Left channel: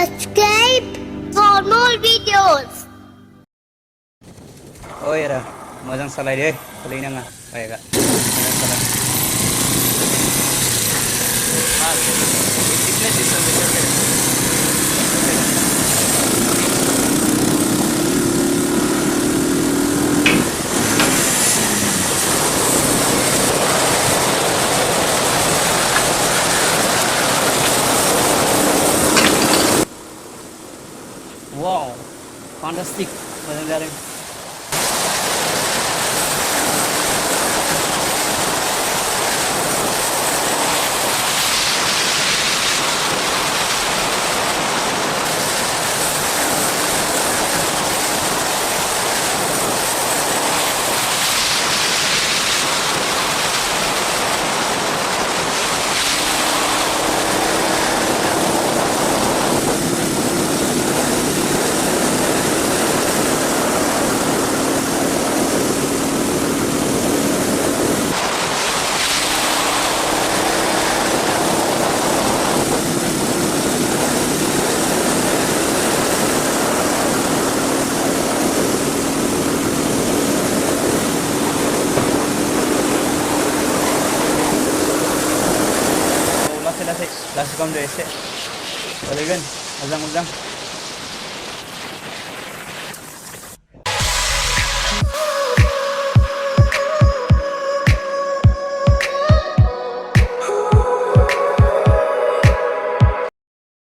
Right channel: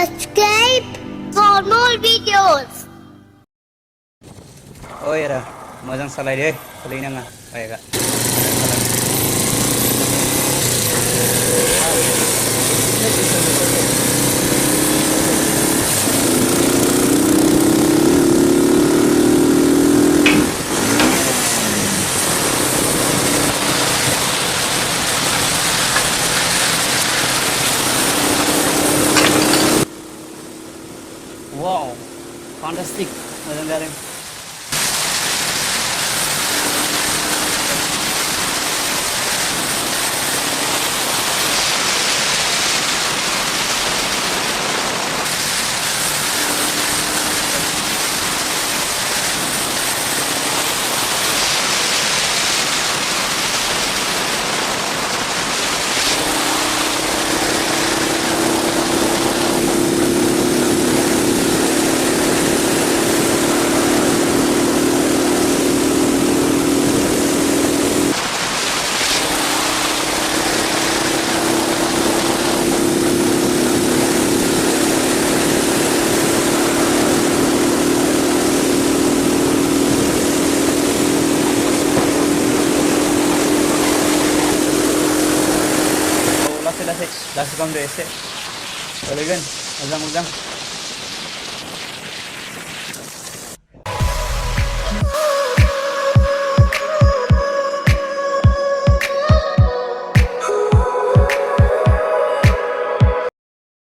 Subscribe for more videos. Oh ya, मोजां सालाय दे, सालायनाङा बाइकआ मोजां सालाय। Wow, fantastic, मोजां जादों। लासै खालामदो एसे, सोलिगोन मोजां।